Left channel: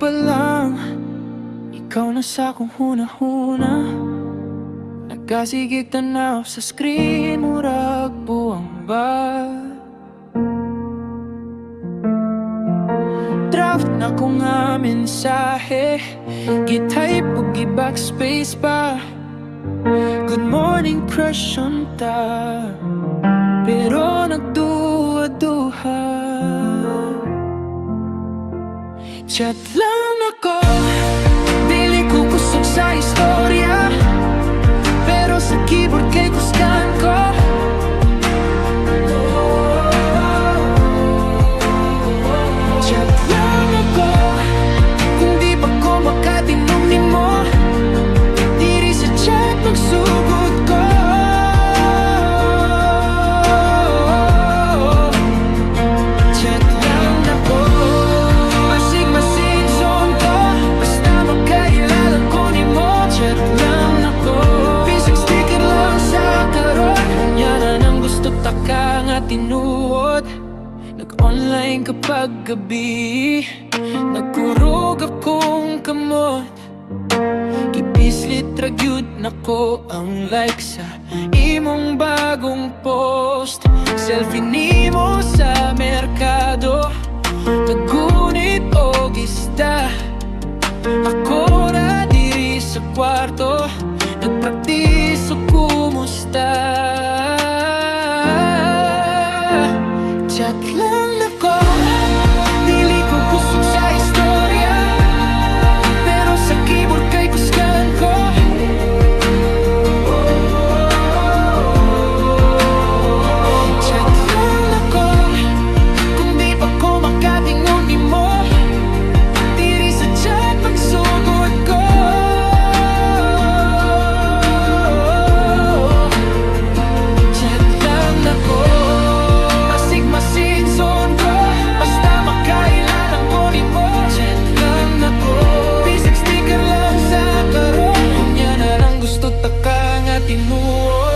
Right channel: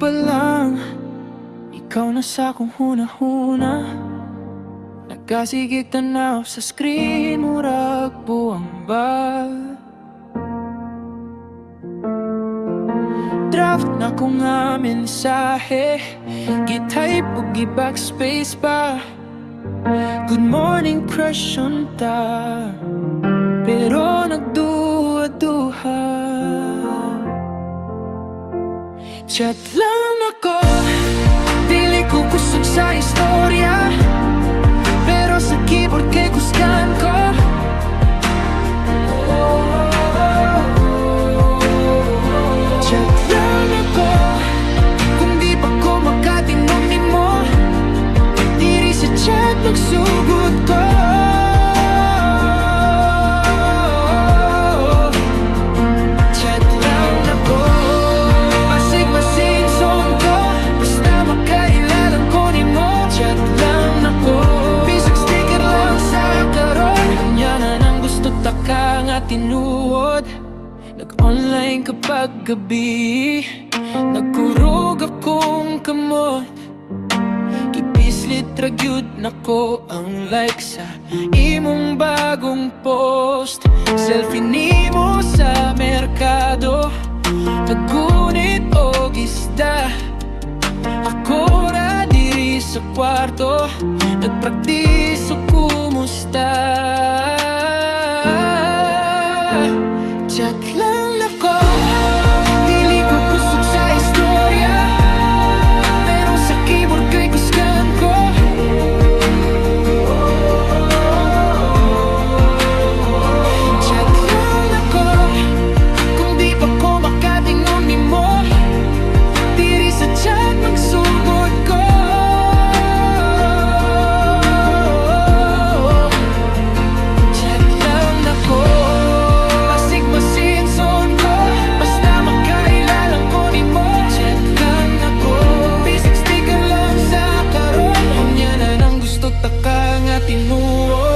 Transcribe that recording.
pa lang, ikaw na sa akong huna-huna. Nagkasigig tanaw sa screen, murag buwang ba. Draft na ko nga mensahe, gi-type o gi-backspace pa. Good morning crush unta, pero nagduha-duha. Chat lang ako, dili ko kusog sa istorya, pero sa keyboard kay kusgan ko. Chat lang ako, kung di pa ko makatingog ni mo, diri sa chat magsugod ko. Chat lang ako, basig masinson ko, basta makailalang ko ni mo. Chat lang ako, bisag sticker lang sa karon, kanya na nang gusto taka nga tinuod. Nag-online kapag gabi, nagkurog akong kamot. Ipislit ragyud nako ang like sa imong bagong post. Selfie nimo sa merkado, tagunit o isda. Ako na diri sa kwarto, nagpraktis o kumusta. Chat lang ako, dili ko kusog sa istorya, pero sa keyboard kay kusgan ko. Chat lang ako, kung di pa ko makatingog ni mo, diri sa chat magsugod ko. Chat lang ako, masinson ko, basta makailalang ko ni mo. Chat lang ako, bisig sticker lang sa karon, kanya na nang gusto taka nga tinuod.